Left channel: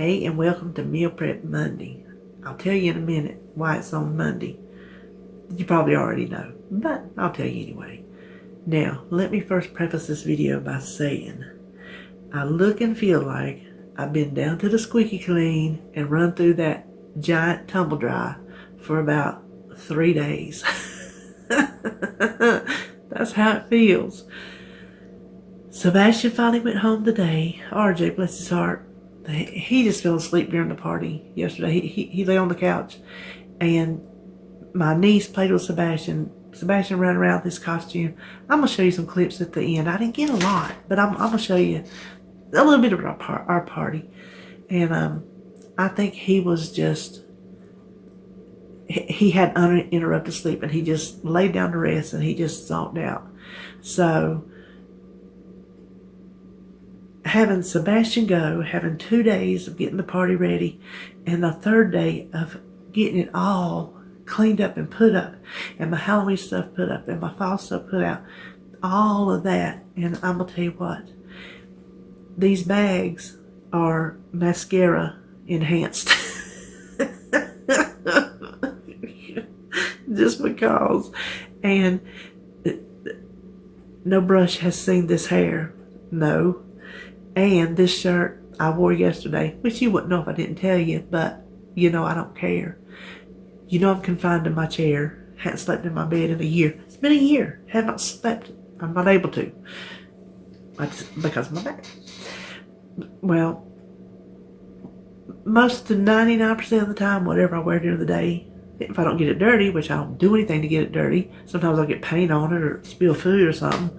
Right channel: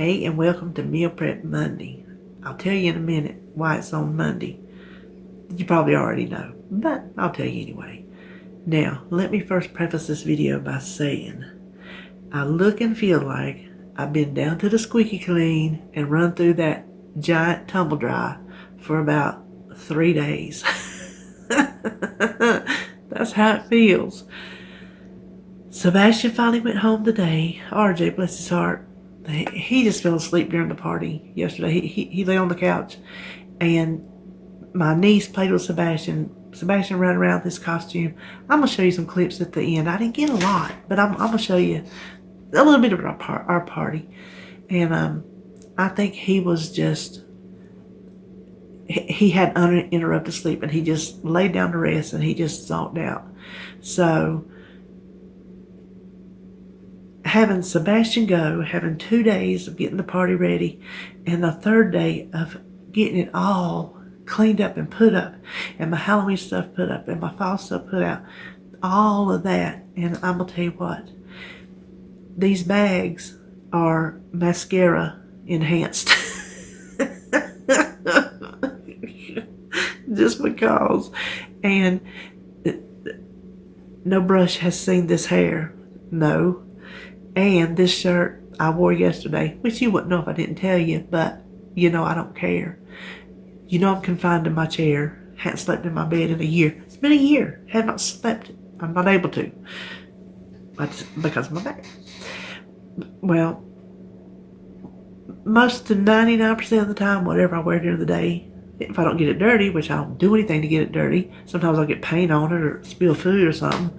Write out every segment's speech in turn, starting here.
Hey, and welcome to Meal Prep Monday. I'll tell you in a minute why it's on Monday. You probably already know, but I'll tell you anyway. Now, let me first preface this video by saying, I look and feel like I've been down to the squeaky clean and run through that giant tumble dry for about 3 days. That's how it feels. Sebastian finally went home today. RJ, bless his heart. He just fell asleep during the party yesterday. He lay on the couch, and my niece played with Sebastian. Sebastian ran around with his costume. I'm going to show you some clips at the end. I didn't get a lot, but I'm going to show you a little bit of our party. And I think he was just, he had uninterrupted sleep, and he just laid down to rest, and he just zonked out. So having Sebastian go, having 2 days of getting the party ready, and the third day of getting it all cleaned up and put up, and my Halloween stuff put up, and my fall stuff put out, all of that. And I'm gonna tell you what, these bags are mascara enhanced. Just because. And no brush has seen this hair. No. And this shirt I wore yesterday, which you wouldn't know if I didn't tell you, but you know I don't care. You know I'm confined in my chair. Haven't slept in my bed in a year. It's been a year. Have not slept. I'm not able to. Because of my back. Well, most to 99% of the time, whatever I wear during the day, if I don't get it dirty, which I don't do anything to get it dirty, sometimes I'll get paint on it or spill food or something,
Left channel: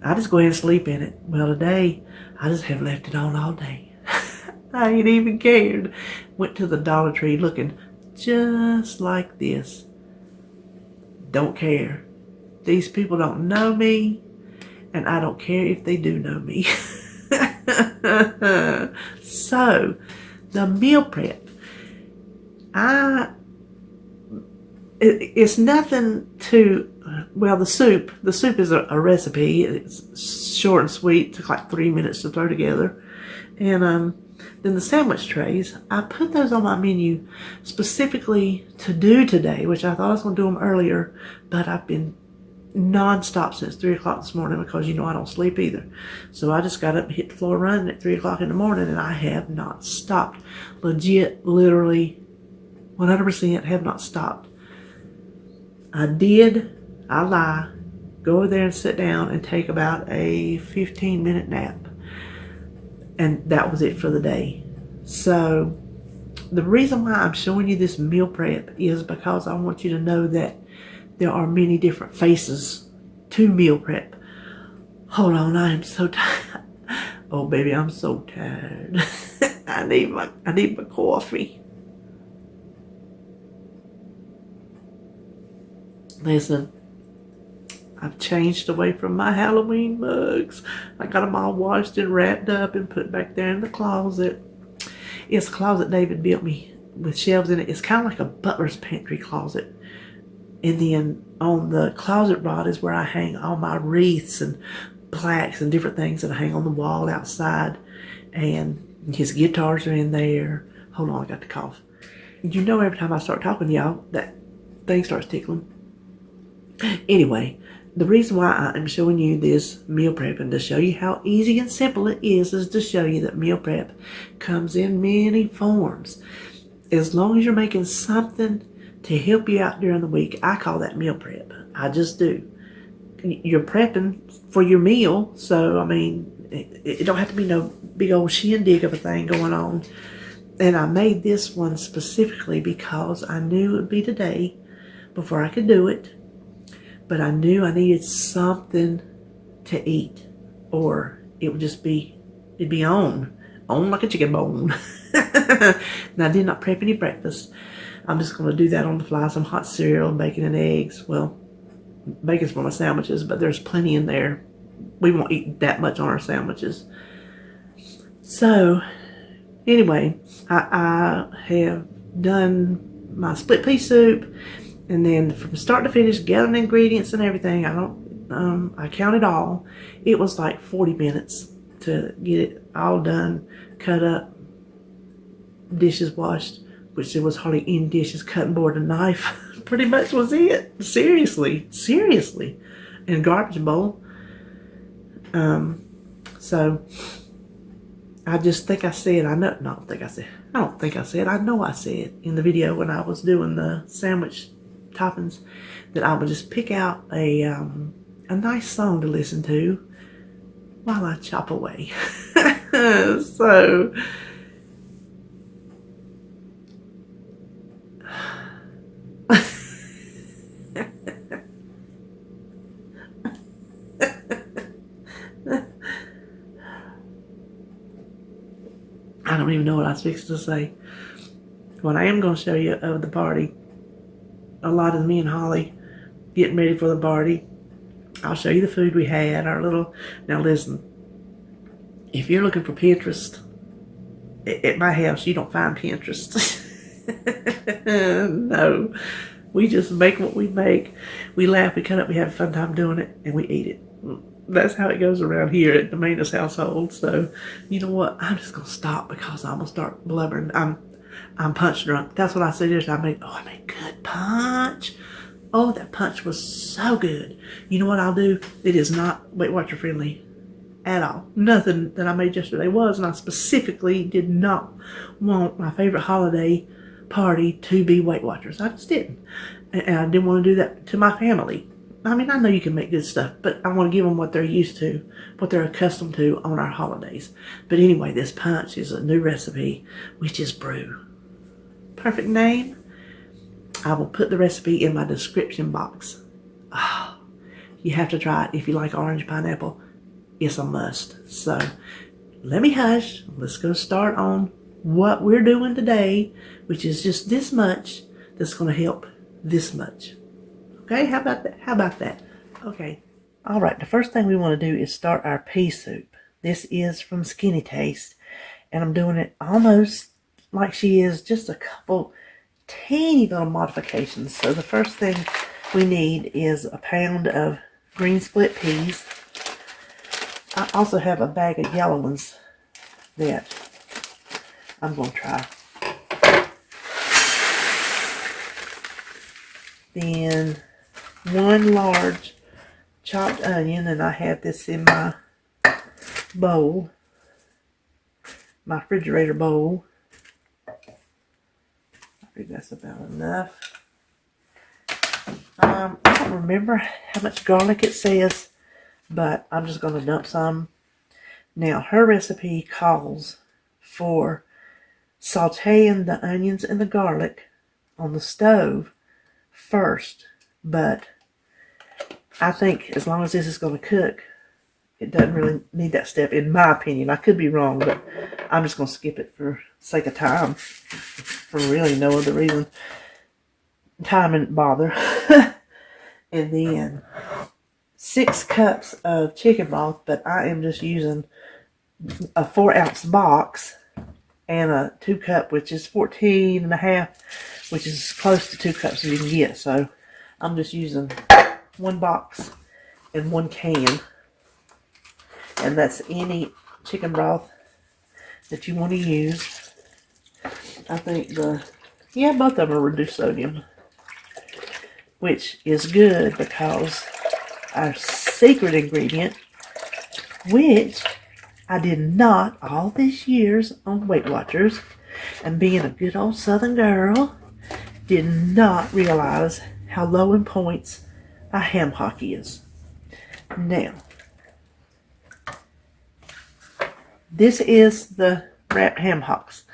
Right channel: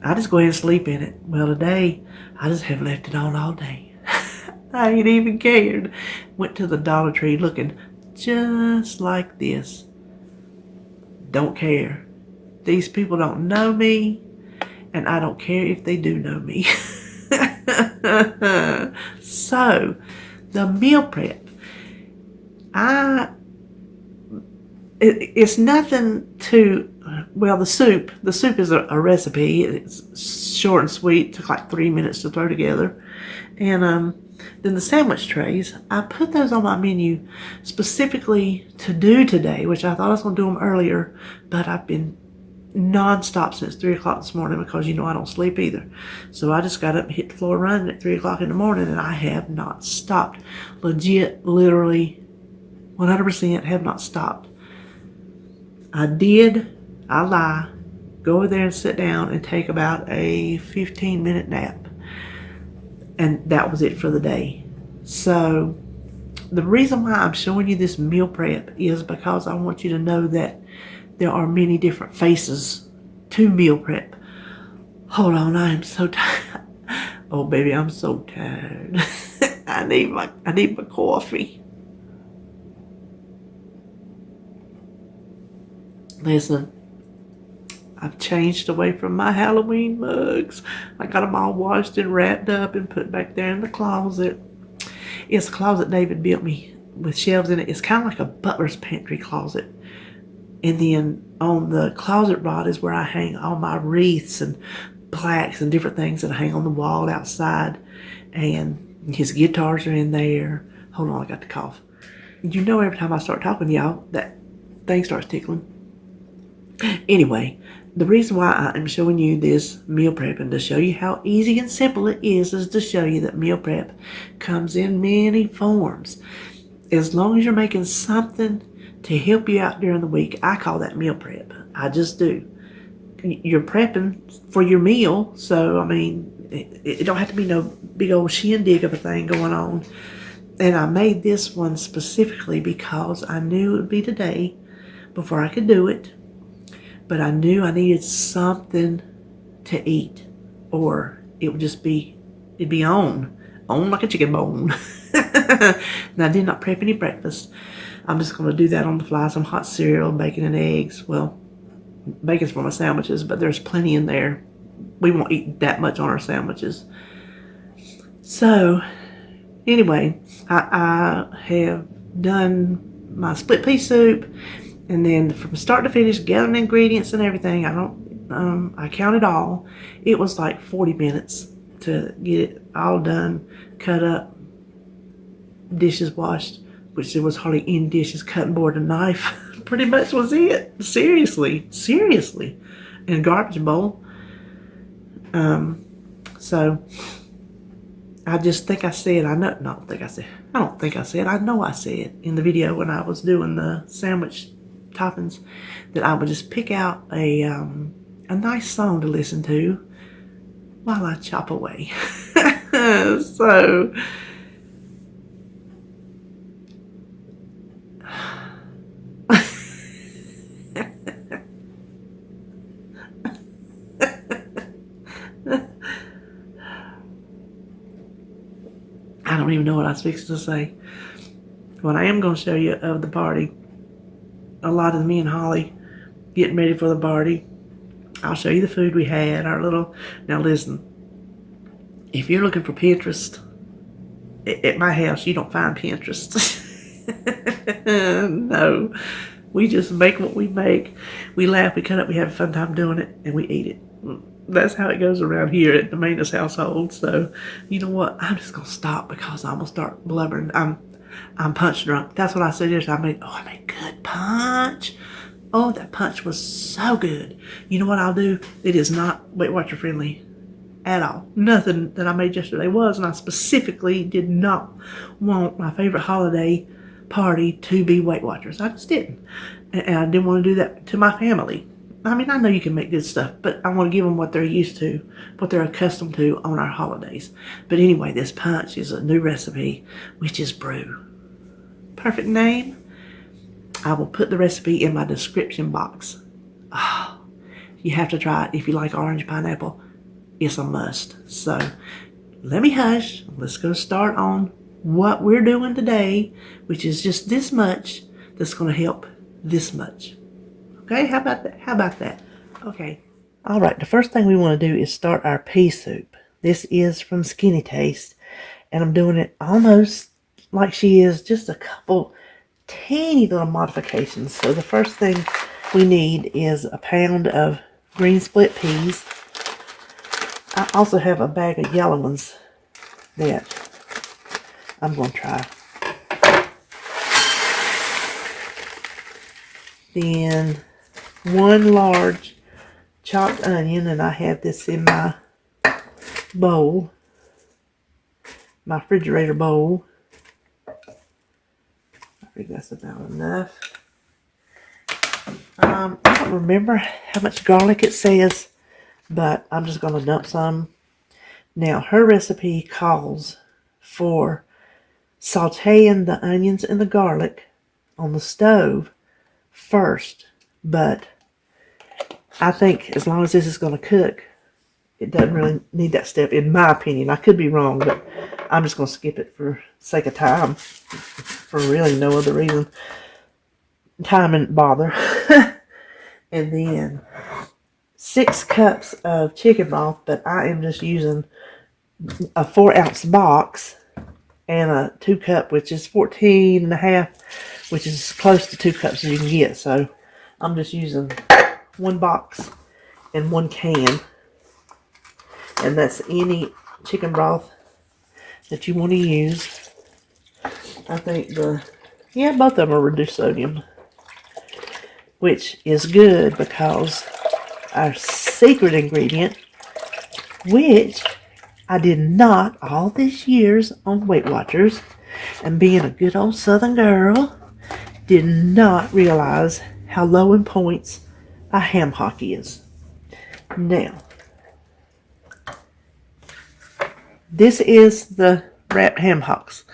I just go ahead and sleep in it. Well, today, I just have left it on all day. I ain't even cared. Went to the Dollar Tree looking just like this. Don't care. These people don't know me, and I don't care if they do know me. So, the meal prep. It's nothing to, well, the soup is a recipe. It's short and sweet. It took like 3 minutes to throw together. And then the sandwich trays, I put those on my menu specifically to do today, which I thought I was going to do them earlier, but I've been non-stop since 3 o'clock this morning because, you know, I don't sleep either. So I just got up and hit the floor running at 3 o'clock in the morning, and I have not stopped. Legit, literally, 100% have not stopped. I lie, go over there and sit down and take about a 15-minute nap. And that was it for the day. So the reason why I'm showing you this meal prep is because I want you to know that there are many different faces to meal prep. Hold on, I am so tired. Oh, baby, I'm so tired. I need my coffee. Listen, I've changed away from my Halloween mugs. I got them all washed and wrapped up and put back there in the closet. It's a closet David built me with shelves in it. It's kind of like a butler's pantry closet. And then on the closet rod is where I hang all my wreaths and plaques and different things that I hang on the wall outside. And his guitars are in there. Hold on, I got the cough. You know, every time I start talking to y'all, that thing starts tickling. Anyway, the reason why I am showing you this meal prep and to show you how easy and simple it is to show you that meal prep comes in many forms. As long as you're making something to help you out during the week, I call that meal prep. I just do. You're prepping for your meal, so I mean, it don't have to be no big old shindig of a thing going on. And I made this one specifically because I knew it would be today before I could do it. But I knew I needed something to eat, or it would just be, it'd be on like a chicken bone. Now, I did not prep any breakfast. I'm just going to do that on the fly, some hot cereal, bacon and eggs. Well, bacon's for my sandwiches, but there's plenty in there. We won't eat that much on our sandwiches. So, anyway, I have done my split pea soup. And then from start to finish, gathering ingredients and everything, I counted all. It was like 40 minutes to get it all done, cut up, dishes washed, which there was hardly any dishes, cutting board and knife. Pretty much was it. Seriously. And garbage bowl. So I just think I said, I don't think I said, I know I said in the video when I was doing the sandwich toppings that I would just pick out a nice song to listen to while I chop away. So I don't even know what I was fixing to say. What I am going to show you of the party, a lot of me and Holly getting ready for the party. I'll show you the food we had, now listen, if you're looking for Pinterest, at my house, you don't find Pinterest. No, we just make what we make. We laugh, we cut up, we have a fun time doing it, and we eat it. That's how it goes around here at the Maness household. So, you know what? I'm just gonna stop because I'm gonna start blubbering. I'm punch drunk. That's what I said yesterday. I made good punch. Oh, that punch was so good. You know what I'll do? It is not Weight Watcher friendly at all. Nothing that I made yesterday was, and I specifically did not want my favorite holiday party to be Weight Watchers. I just didn't. And I didn't want to do that to my family. I mean, I know you can make good stuff, but I want to give them what they're used to, what they're accustomed to on our holidays. But anyway, this punch is a new recipe, which is Brew. Perfect name. I will put the recipe in my description box. Oh, you have to try it if you like orange pineapple. It's a must. So let me hush. Let's go start on what we're doing today, which is just this much that's going to help this much. Okay, how about that? Okay. All right, the first thing we want to do is start our pea soup. This is from Skinny Taste, and I'm doing it almost like she is, just a couple teeny little modifications. So the first thing we need is a pound of green split peas. I also have a bag of yellow ones that I'm going to try. Then 1 large chopped onion, and I have this in my bowl, my refrigerator bowl. I think that's about enough. I don't remember how much garlic it says, but I'm just going to dump some. Now, her recipe calls for sauteing the onions and the garlic on the stove first, but I think as long as this is going to cook, it doesn't really need that step, in my opinion. I could be wrong, but I'm just going to skip it for sake of time, for really no other reason. Time and bother. And then 6 cups of chicken broth, but I am just using a 4-ounce box and a 2 cup, which is 14 and a half, which is close to 2 cups as you can get. So I'm just using 1 box and 1 can, and that's any chicken broth that you want to use. I think both of them are reduced sodium, which is good because our secret ingredient, which I did not all these years on Weight Watchers, and being a good old Southern girl, did not realize how low in points a ham hock is. Now, this is the wrapped ham hocks.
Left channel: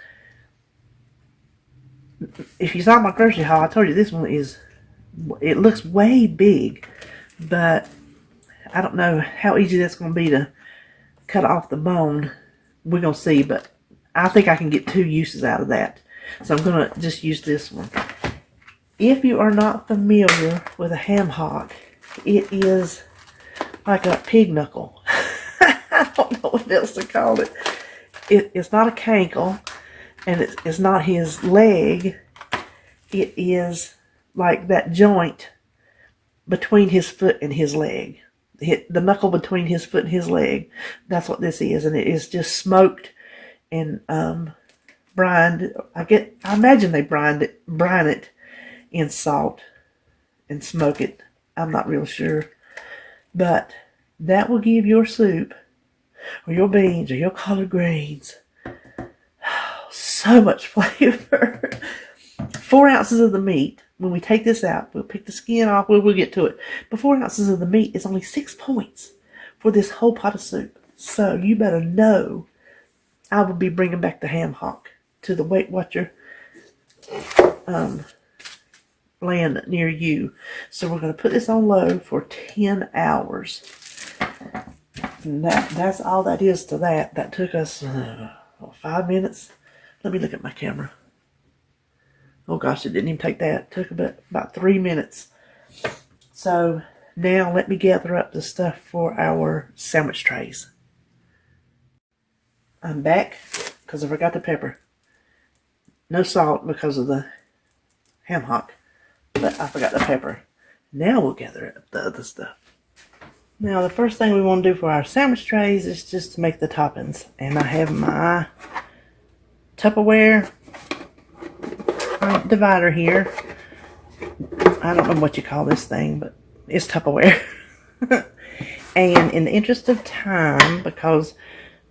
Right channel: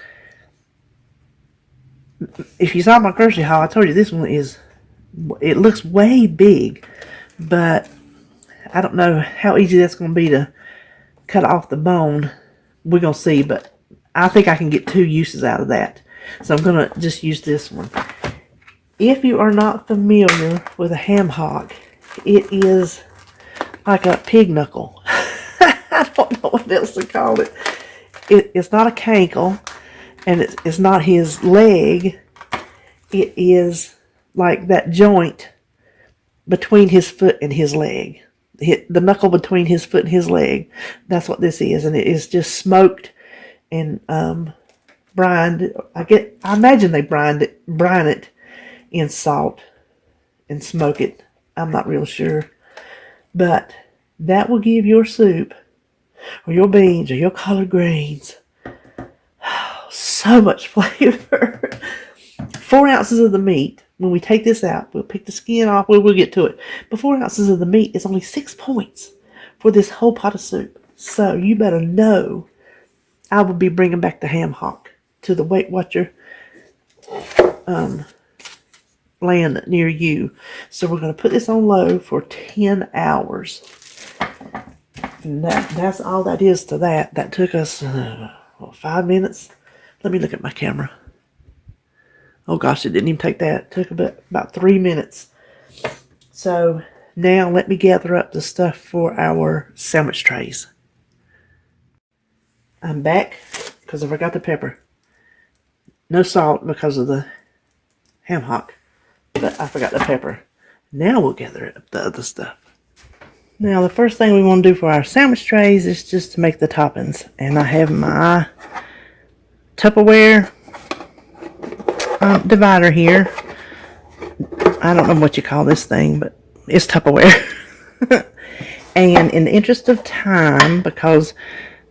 If you saw my grocery haul, I told you this one it looks way big, but I don't know how easy that's going to be to cut off the bone. We're going to see, but I think I can get 2 uses out of that. So I'm going to just use this one. If you are not familiar with a ham hock, it is like a pig knuckle. I don't know what else to call it. It's not a cankle, and it's not his leg. It is like that joint between his foot and his leg. The knuckle between his foot and his leg. That's what this is, and it is just smoked and brined. I imagine they brine it in salt and smoke it. I'm not real sure. But that will give your soup or your beans or your collard greens so much flavor. 4 ounces of the meat. When we take this out, we'll pick the skin off. We'll get to it. But 4 ounces of the meat is only 6 points for this whole pot of soup. So you better know I will be bringing back the ham hock to the Weight Watcher land near you. So we're going to put this on low for 10 hours. And that's all that is to that. That took us 5 minutes. Let me look at my camera. Oh gosh, it didn't even take that. It took about 3 minutes. So now let me gather up the stuff for our sandwich trays. I'm back because I forgot the pepper. No salt because of the ham hock, but I forgot the pepper. Now we'll gather up the other stuff. Now the first thing we want to do for our sandwich trays is just to make the toppings. And I have my Tupperware divider here. I don't know what you call this thing, but it's Tupperware. And in the interest of time, because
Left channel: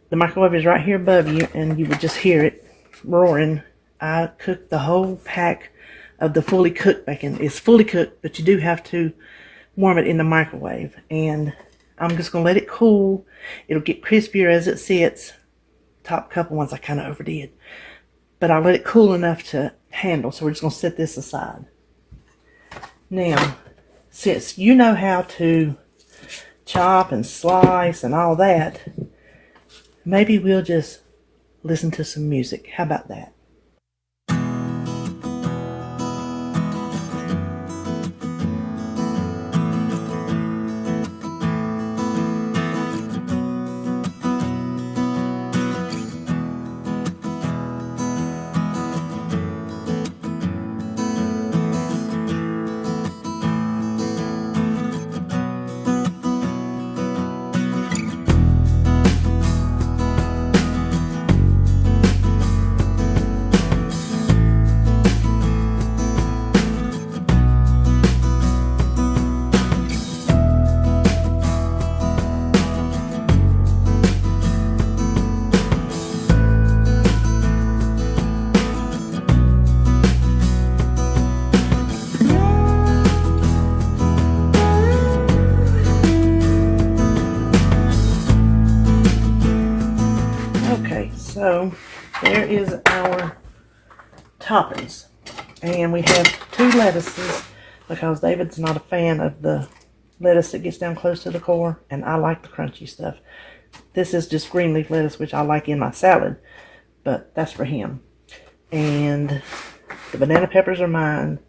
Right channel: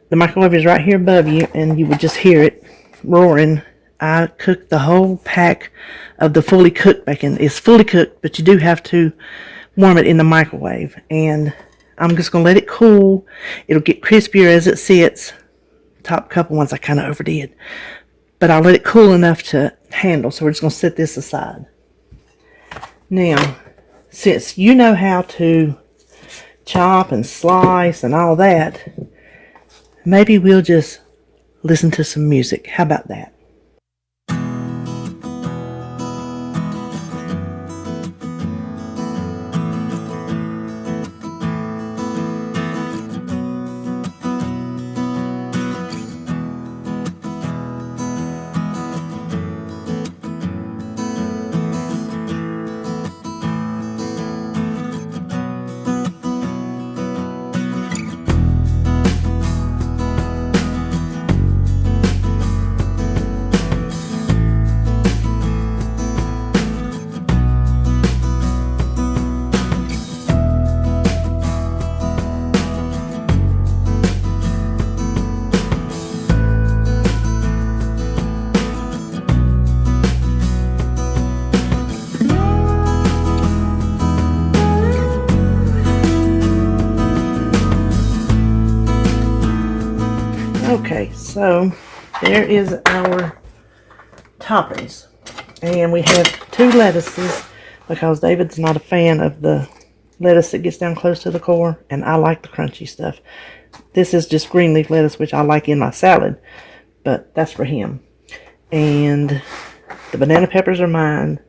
the microwave is right here above you and you would just hear it roaring, I cooked the whole pack of the fully cooked bacon. It's fully cooked, but you do have to warm it in the microwave. And I'm just going to let it cool. It'll get crispier as it sits. Top couple ones I kind of overdid. But I'll let it cool enough to handle. So we're just going to set this aside. Now, since you know how to chop and slice and all that, maybe we'll just listen to some music. How about that? Okay, so there is our toppings. And we have 2 lettuces because David's not a fan of the lettuce that gets down close to the core, and I like the crunchy stuff. This is just green leaf lettuce, which I like in my salad, but that's for him. And the banana peppers are mine,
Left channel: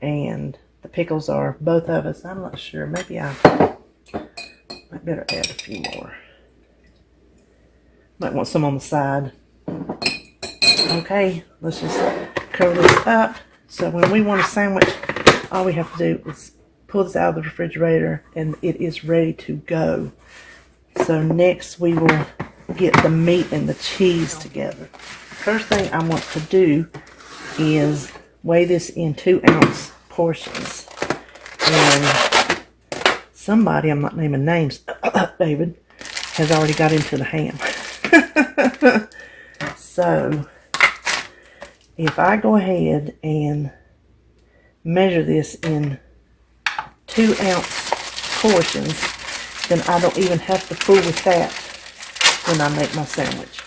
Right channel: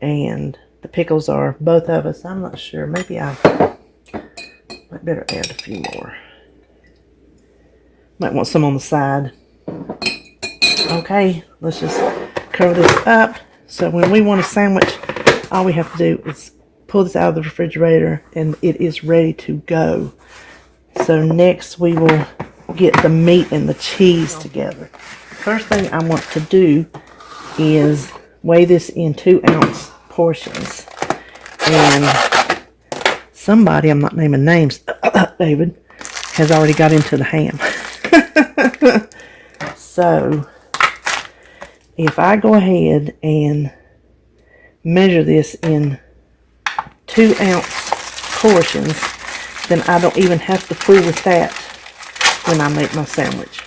and the pickles are both of us. I'm not sure. Maybe I might better add a few more. Might want some on the side. Okay, let's just cover this up. So when we want a sandwich, all we have to do is pull this out of the refrigerator and it is ready to go. So next we will get the meat and the cheese together. First thing I want to do is weigh this in 2-ounce portions. And somebody, I'm not naming names, David, has already got into the ham. So if I go ahead and measure this in 2-ounce portions, then I don't even have to fool with that when I make my sandwich.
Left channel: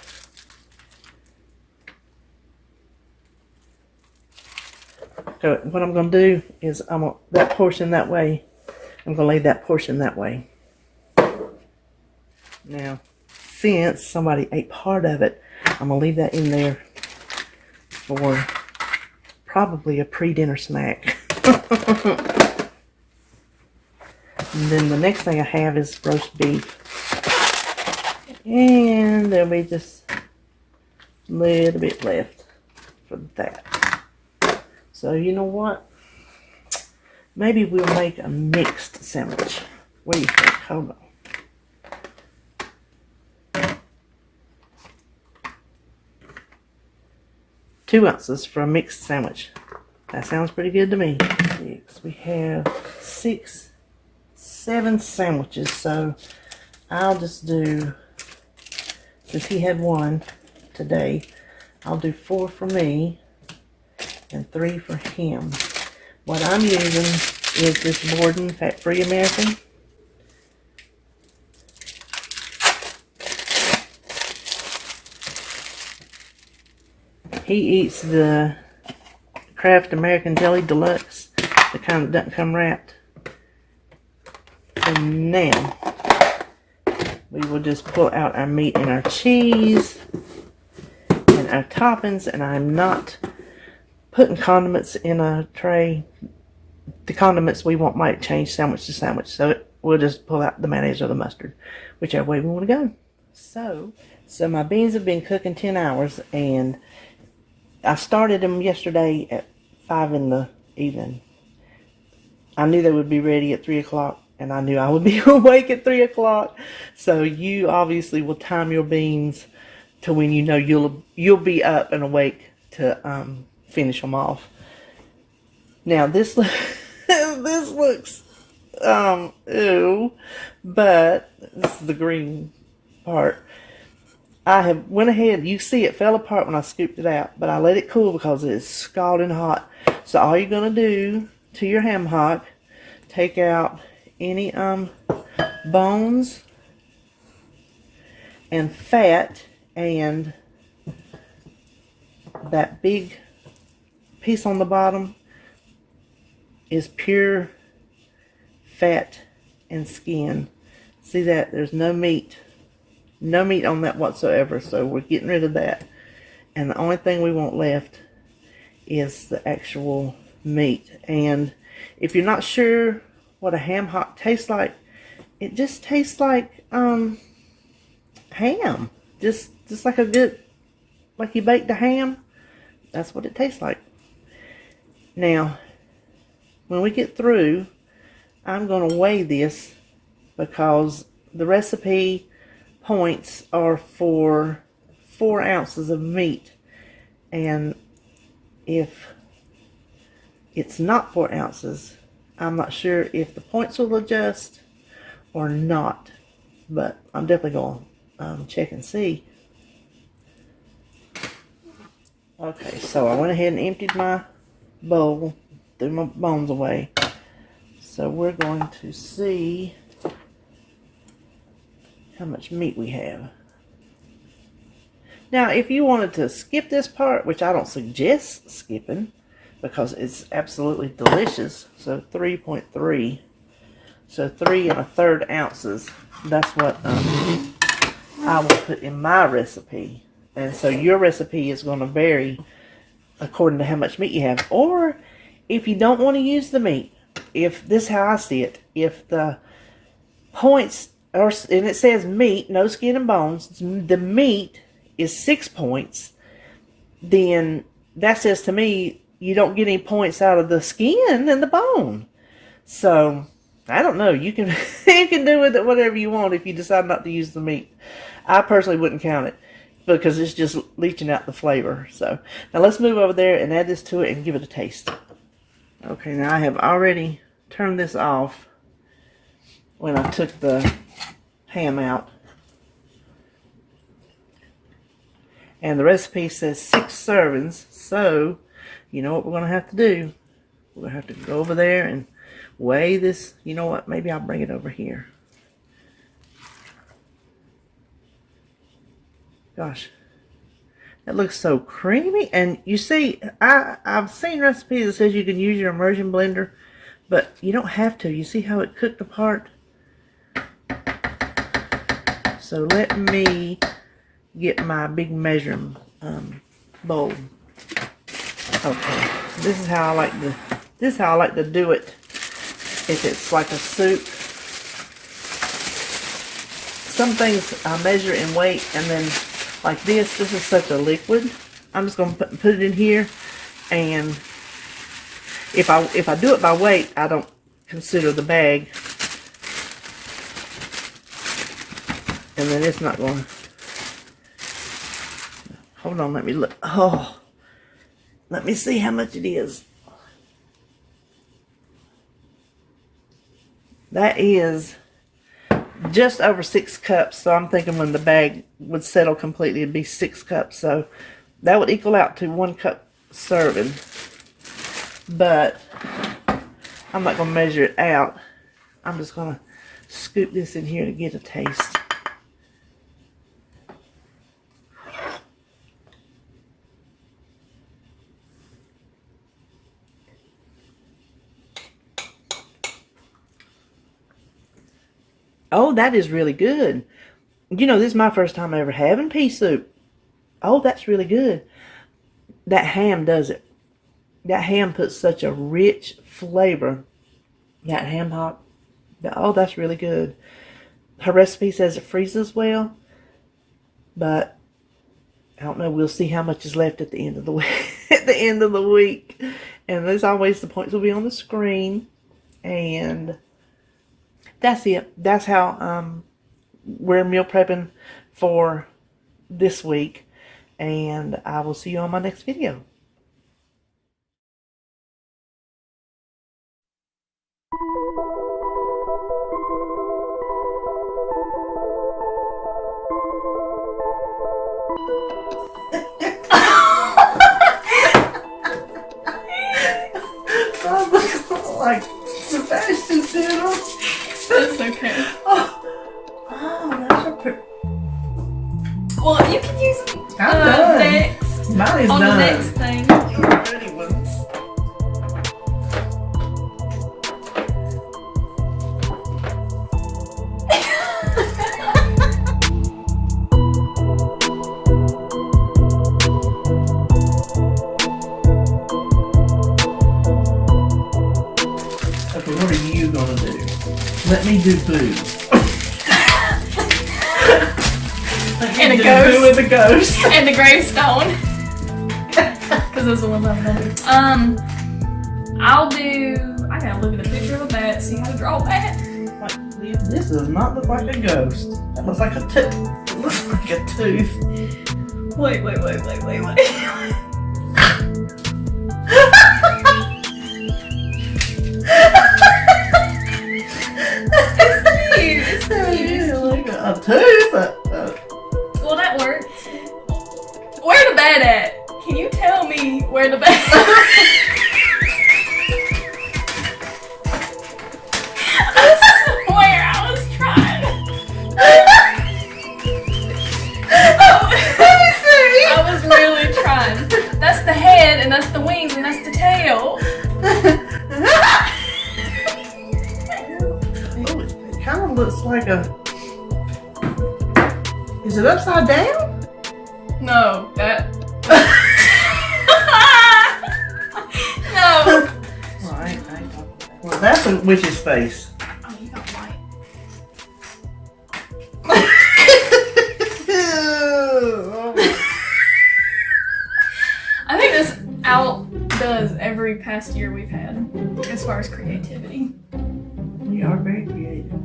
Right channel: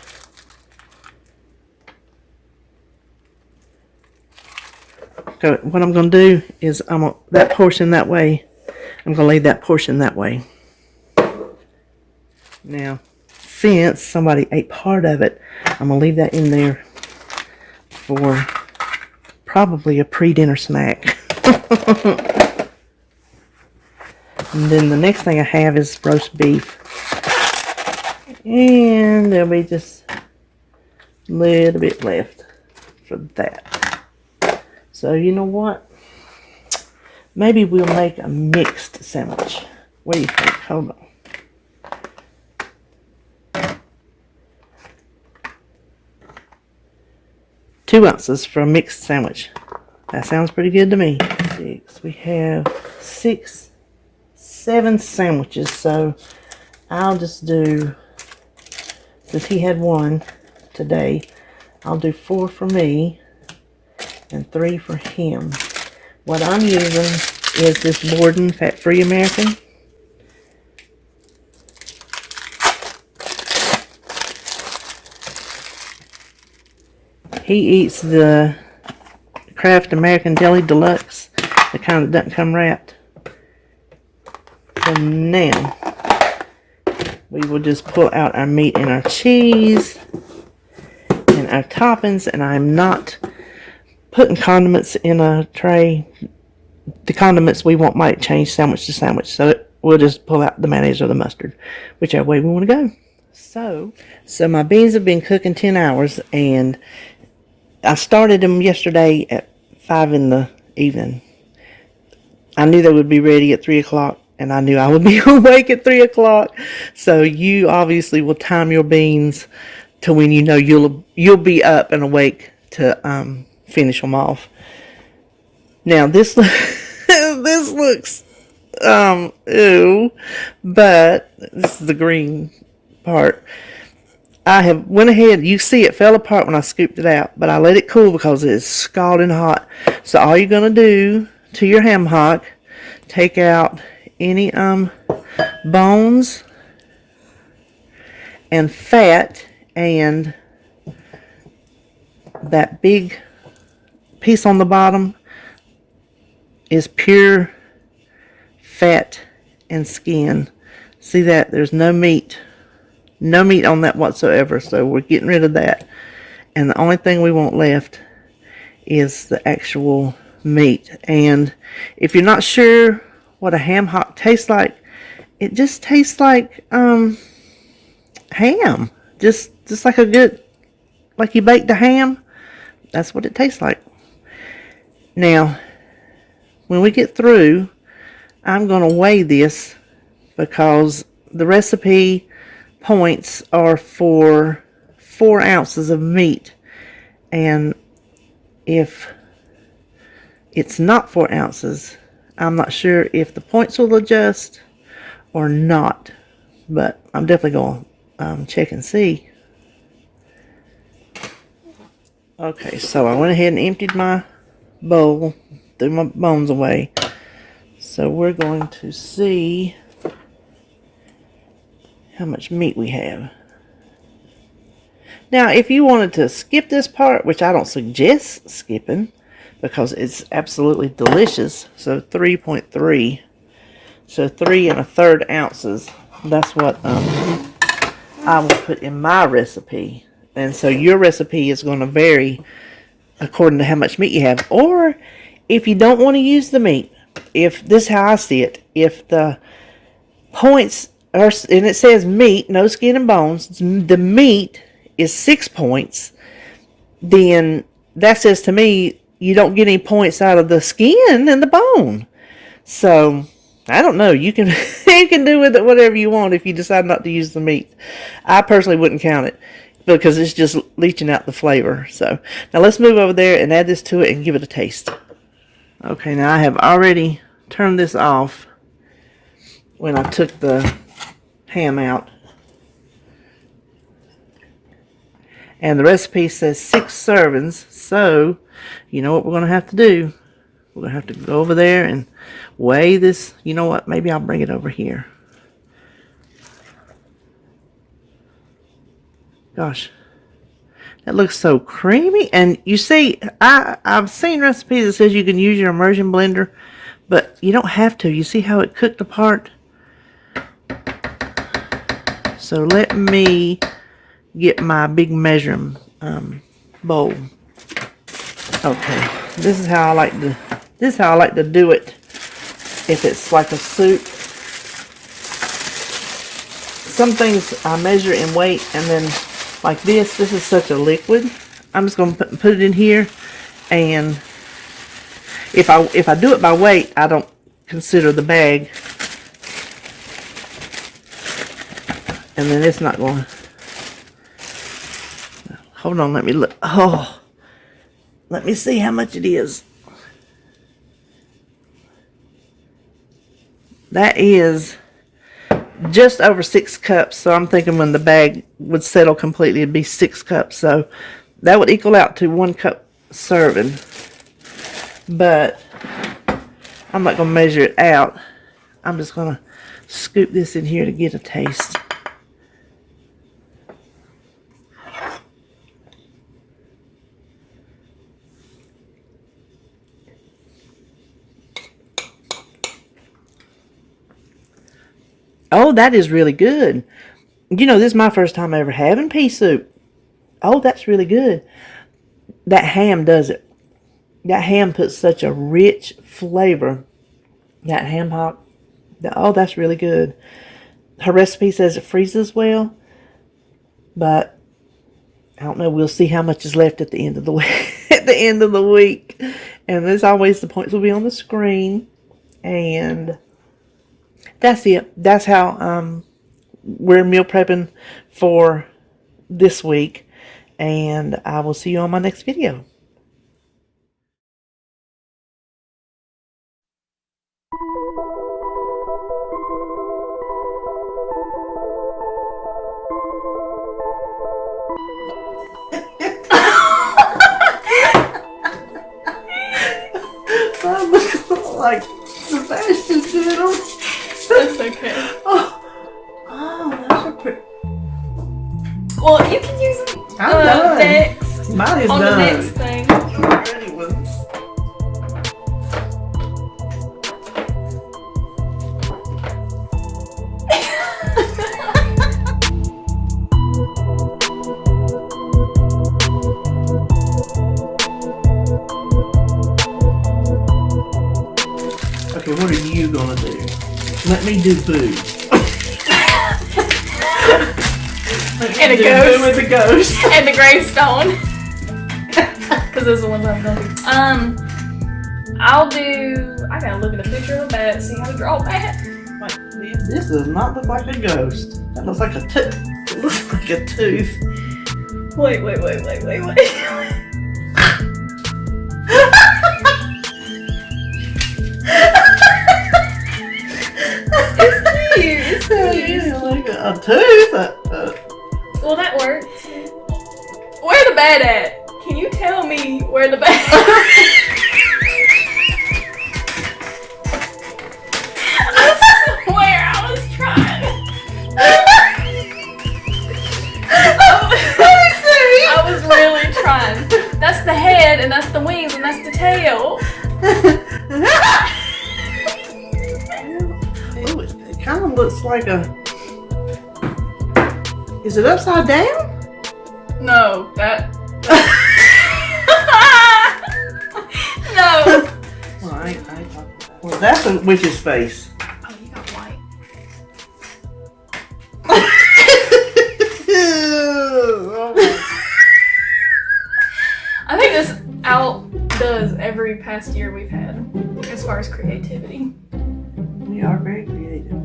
So what I'm going to do is that portion that way, I'm going to lay that portion that way. Now, since somebody ate part of it, I'm going to leave that in there for probably a pre-dinner snack. And then the next thing I have is roast beef. And there'll be just a little bit left for that. So you know what? Maybe we'll make a mixed sandwich. What do you think? Hold on. 2 ounces for a mixed sandwich. That sounds pretty good to me. 6. We have 6, 7 sandwiches. So I'll just do, since he had 1 today, I'll do 4 for me and 3 for him. What I'm using is this Borden Fat-Free American. He eats the Kraft American Jelly Deluxe, the kind that doesn't come wrapped. And now, we will just pull out our meat and our cheese and our toppings, and I'm not putting condiments in a tray. The condiments we want might change sandwich to sandwich, so we'll just pull out the mayonnaise or the mustard, whichever way we want to go. So my beans have been cooking 10 hours, and I started them yesterday at 5 in the evening. I knew they would be ready at 3 o'clock, and I knew I would be awake at 3 o'clock. So you obviously will time your beans to when you know you'll be up and awake to finish them off. Now this this looks ew, but this is the green part. I have went ahead, you see it fell apart when I scooped it out, but I let it cool because it is scalding hot. So all you're going to do to your ham hock, take out any bones and fat, and that big piece on the bottom is pure fat and skin. See that? There's no meat. No meat on that whatsoever, so we're getting rid of that. And the only thing we want left is the actual meat. And if you're not sure what a ham hock tastes like, it just tastes like ham. Just like a good, like you baked a ham. That's what it tastes like. Now, when we get through, I'm going to weigh this because the recipe points are for 4 ounces of meat, and if it's not 4 ounces, I'm not sure if the points will adjust or not, but I'm definitely going to check and see. Okay, so I went ahead and emptied my bowl, threw my bones away, so we're going to see how much meat we have. Now, if you wanted to skip this part, which I don't suggest skipping because it's absolutely delicious, so 3.3, so 3 1/3 ounces, that's what I will put in my recipe. And so your recipe is going to vary according to how much meat you have. Or if you don't want to use the meat, if this is how I see it, if the points are, and it says meat, no skin and bones, the meat is 6 points, then that says to me you don't get any points out of the skin and the bone. So I don't know, you can you can do with it whatever you want if you decide not to use the meat. I personally wouldn't count it because it's just leaching out the flavor. So now let's move over there and add this to it and give it a taste. Okay, now I have already turned this off when I took the ham out, and the recipe says 6 servings, so you know what we're going to have to do. We're going to have to go over there and weigh this. You know what, maybe I'll bring it over here. Gosh, that looks so creamy. And you see, I've seen recipes that says you can use your immersion blender, but you don't have to. You see how it cooked apart? So let me get my big measuring bowl. Okay, this is how I like to do it. If it's like a soup, some things I measure in weight, and then like this is such a liquid. I'm just going to put it in here, and if I do it by weight, I don't consider the bag. And then it's not going. Hold on, let me look. Oh, Let me see how much it is. That is just over 6 cups. So I'm thinking when the bag would settle completely, it'd be 6 cups. So that would equal out to 1 cup serving. But I'm not going to measure it out. I'm just going to scoop this in here to get a taste. Oh, that is really good. You know, this is my first time ever having pea soup. Oh, that's really good. That ham does it. That ham puts such a rich flavor. That ham hock. Oh, that's really good. Her recipe says it freezes well. But I don't know. We'll see how much is left at the end of the week. At the end of the week. And as always, the points will be on the screen. And that's it. That's how we're meal prepping for this week. And I will see you on my next video. I look like Sebastian did. That's okay. Oh, those are pretty. Well, you can use I'm done. next Mine is on done. the next thing. Your pretty ones. Okay, what are you gonna do? Let me do Boo. And a Do ghost. Boo with a ghost. And the gravestone. Because those are the ones I'm gonna do. I gotta look at a picture of a bat, see how to draw a bat. Like, this does not look like a ghost. That looks like a tooth. It looks like a tooth. Wait. It's cute. Yeah, like a tooth. Well, that works. Where the bat at? Can you tell me where the bat I swear I was trying. I was really trying. That's the head, and that's the wings, and that's the tail. It kind of looks like a... Is it upside down? No, that. No. Well, I ain't talking. Well, that's a witch's face. Oh, you got white. I think this outdoes every past year we've had as far as creativity. We are very creative.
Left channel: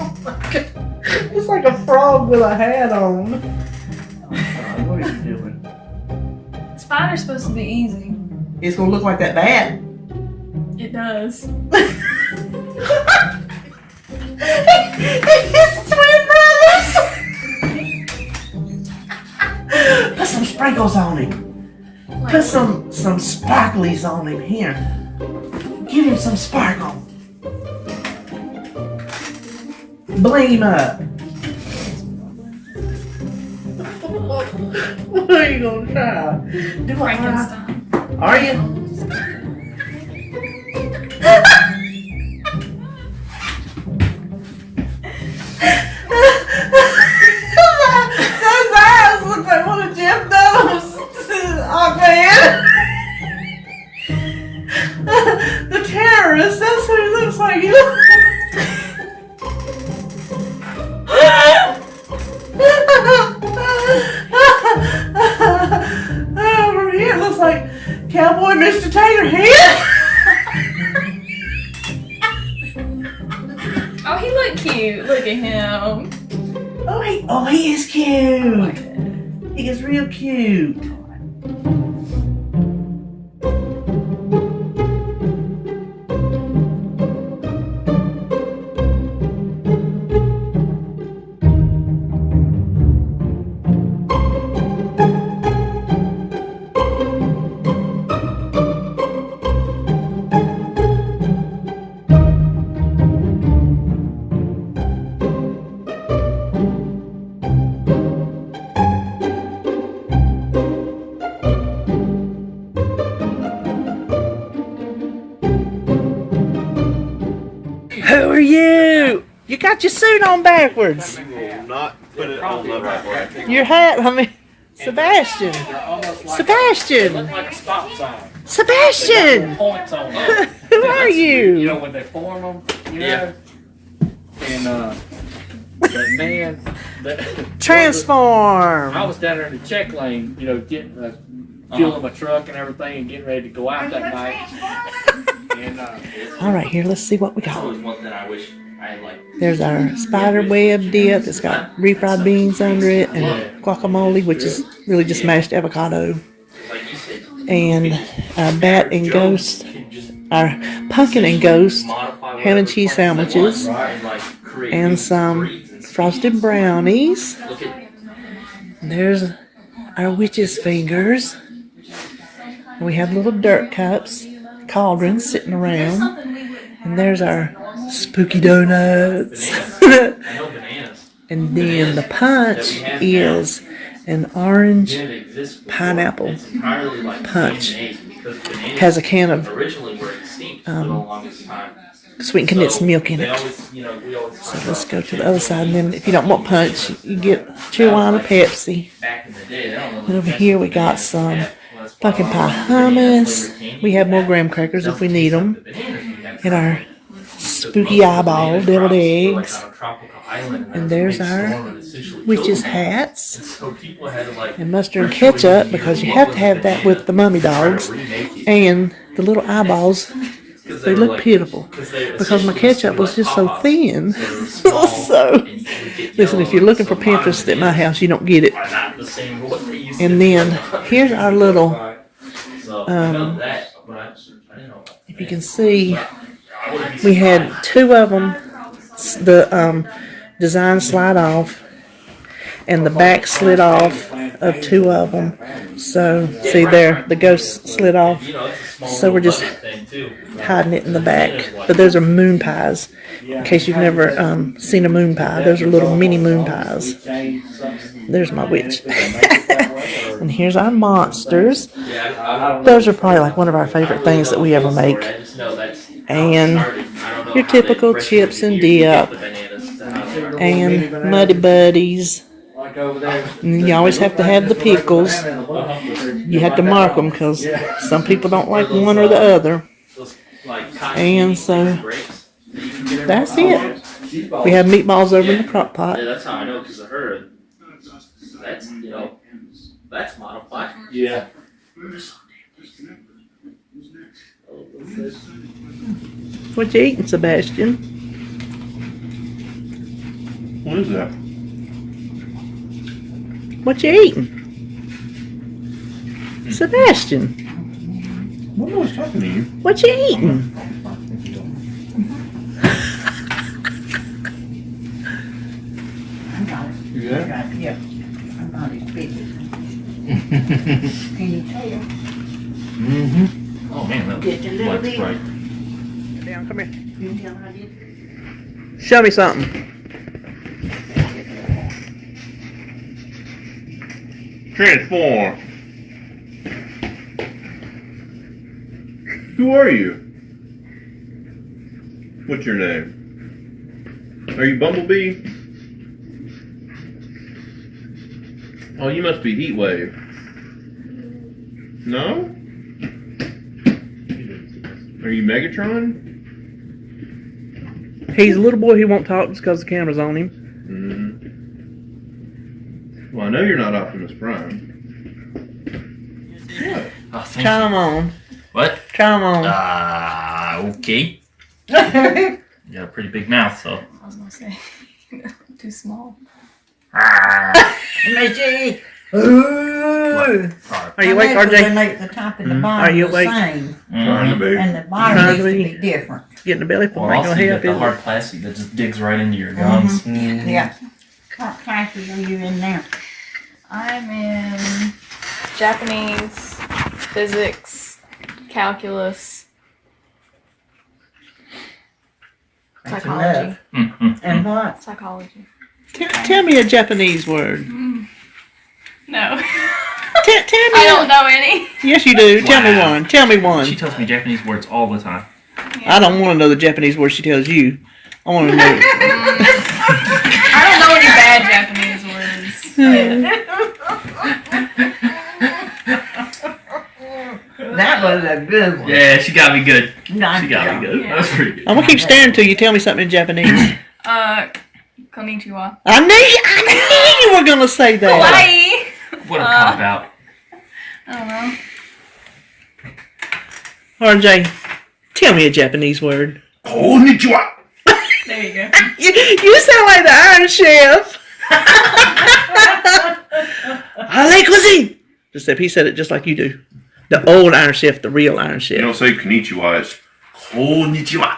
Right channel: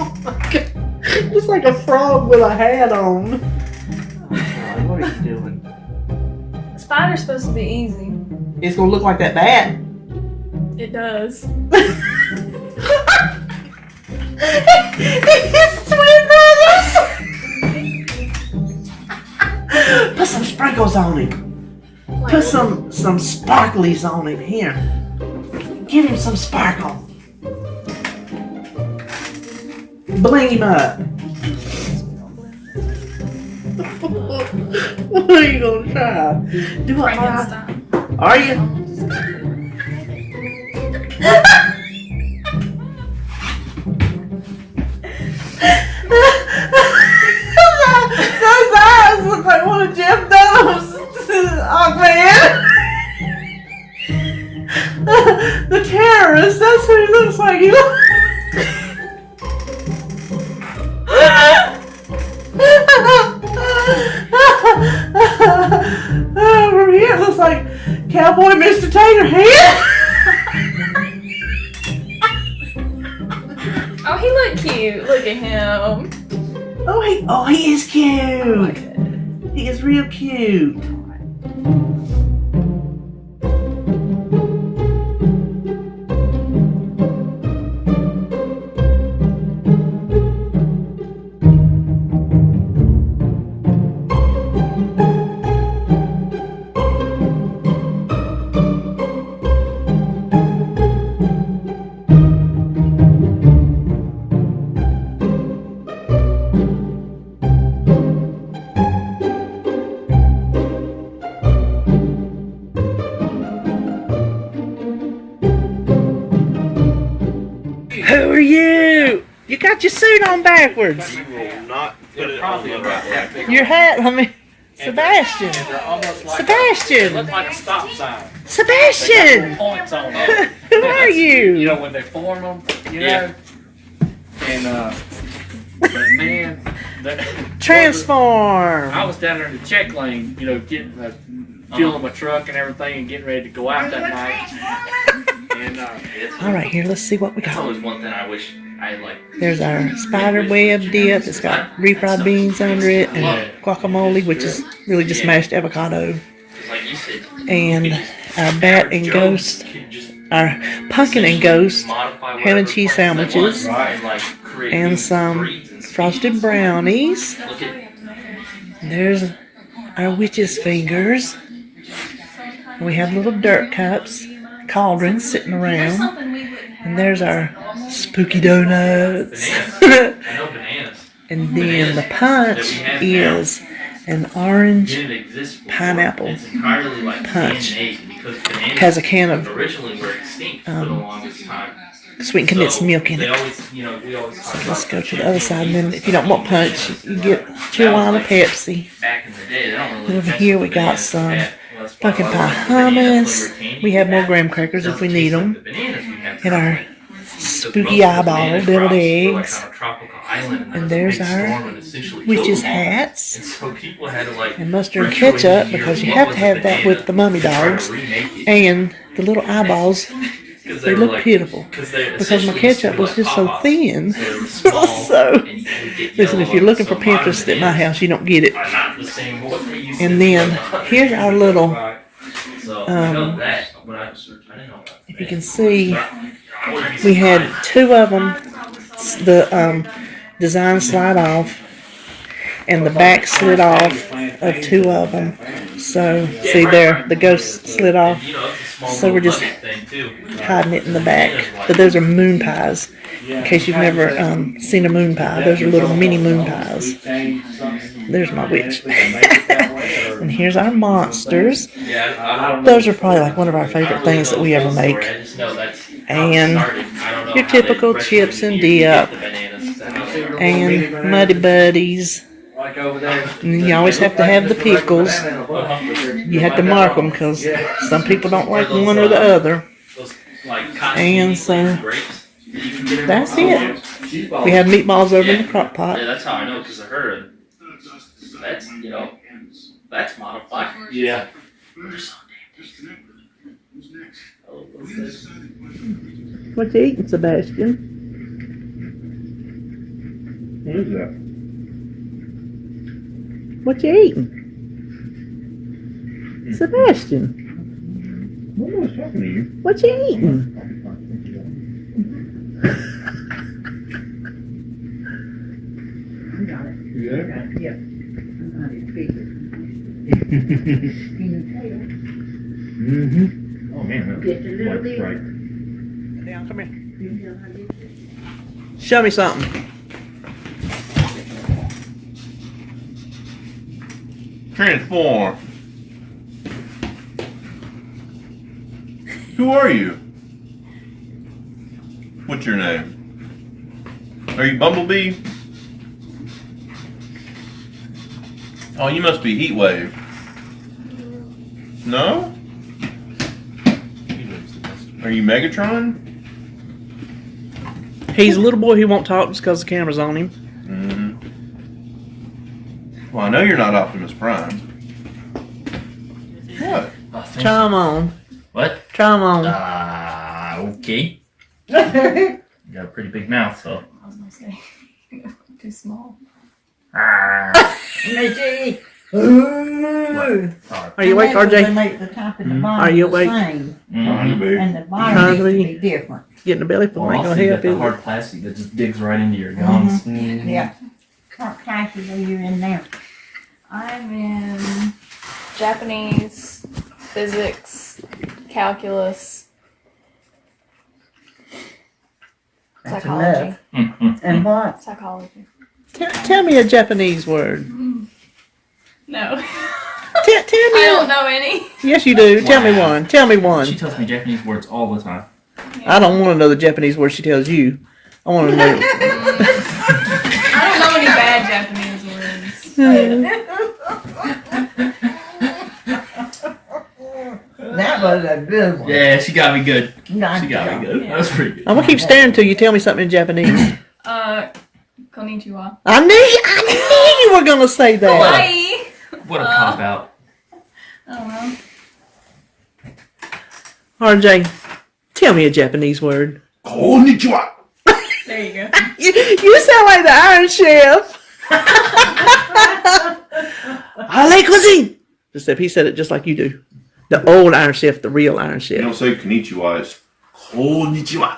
Oh my God. It's like a frog with a hat on. Oh, what are you doing? Spider's supposed to be easy. It's gonna look like that bat. It does. It's twin brothers. Put some sprinkles on him. Like, Put some sparklies on him. Here. Give him some sparkle. Bling him up. What are you gonna try? Do it. Frankenstein. Are you? Those eyes look like one of Jeff Dunham's Aquaman. The terrorist, that's who he looks like. From here it looks like Cowboy Mr. Taterhead. Oh, he looked cute. Look at him. He is cute. I like it. He is real cute. Who are you? You got your suit on backwards. You will not put it on the right way. Your hat, Sebastian. They're almost like Sebastian. They look like a stop sign. Sebastian. Points on them. Who are You you? know when they form them, you know. Yeah. And but man, Transform. I was down there in the check lane, you know, getting fueling my truck and everything, and getting ready to go out that night. And All right, here, let's see what we That's got. always one thing I wish I had, like. There's our spider web dip. It's got refried beans under it and guacamole, which is really just mashed avocado. Like you said, And our bat and ghost, our pumpkin and ghost ham and cheese sandwiches, and some frosted brownies. There's our witch's fingers. We have little dirt cups, cauldrons sitting around. And there's our spooky donuts. And then the punch is an orange pineapple punch. Has a can of sweet condensed milk in it. So let's go to the other side. And then if you don't want punch, you get Cheerwine or Pepsi. And over here we got some pumpkin pie hummus. We have more graham crackers if we need them. And our spooky eyeball deviled eggs. And there's our witch's hats. And mustard and ketchup, because you have to have that with the mummy dogs. And the little eyeballs, they look beautiful. Because my ketchup was just so thin. So, listen, if you're looking for Pinterest at my house, you don't get it. And then, here's our little, if you can see, we had two of them, the design slide off, and the back slid off of two of them. So, see there, the ghost slid off. So we're just hiding it in the back. But those are moon pies. In case you've never seen a moon pie, those are little mini moon pies. There's my witch. And here's our monsters. Those are probably like one of our favorite things that we ever make. And your typical chips and dip. And Muddy Buddies. And you always have to have the pickles. You have to mark them because some people don't like one or the other. And so that's it. We have meatballs over in the crock pot. Yeah, that's how I know because of her. That's, you know, that's modified. yeah. What you eating, Sebastian? What is that? What you eating? Sebastian, I was talking to you. what you eating? You there? Yeah. I'm not as big as Mm-hmm. Oh man, that just a little bit. right. Down, come here. You tell I did. Show me something. Transform. Who are you? What's your name? Are you Bumblebee? Oh, you must be Heatwave. No? Are you Megatron? He's a little boy who won't talk just because the camera's on him. Mm-hmm. Well, I know you're not Optimus Prime. What? Oh, thank Try you. them on. What? Try them on. Okay. You got a pretty big mouth, so. I was gonna say, too small. Mitzi. Ooh. Are you awake, RJ? The top and the bottom Are you the awake? same, Trying to be. and the bottom Trying needs to to be. be different. Getting the belly full Well, ain't also gonna you help, got the is it? hard plastic that just digs right into your gums. Yeah. What classes are you in now? I'm in Japanese, physics, calculus, That's psychology. enough. And what? Psychology. Tell me a Japanese word. No. Tell I me. don't know any. Yes, you do. Tell me Wow. one. Tell me She one. tells me Japanese words all the time. I don't want to know the Japanese word she tells you. I want to know. I don't know any bad Japanese words. That was a good one. Yeah, she got me good. Nice She got job. me good. Yeah. That was pretty good. I'm gonna keep staring till you tell me something in Japanese. Konnichiwa. I knew you were gonna say that. Hawaii. What a cop out. I don't know. RJ, tell me a Japanese word. Konnichiwa. There you go. You sound like the Iron Chef. Ale cuisine. Except he said it just like you do. The old Iron Chef, the real Iron You Chef. don't say konnichiwa, it's konnichiwa.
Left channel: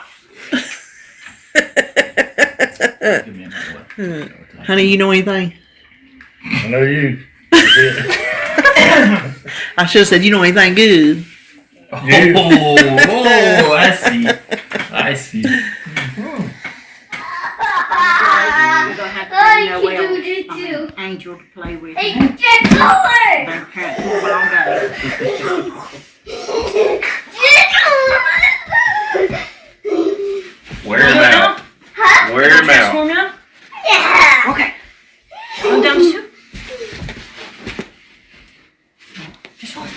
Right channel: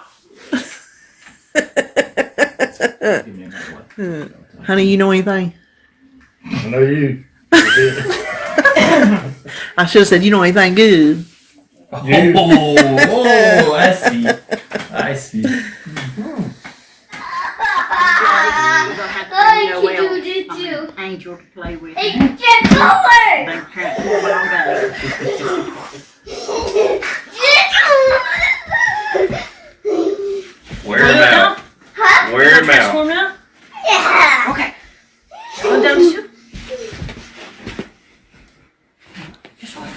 Give me another one. Honey, you know anything? I know you. I should have said, you know anything good? Oh, I see. I see. You can do this too. Angel to play with. Hey, get color! Don't try to do it all day. Wear him out. Wear him out. Transform now? Yeah. Okay. One, those two. Just one.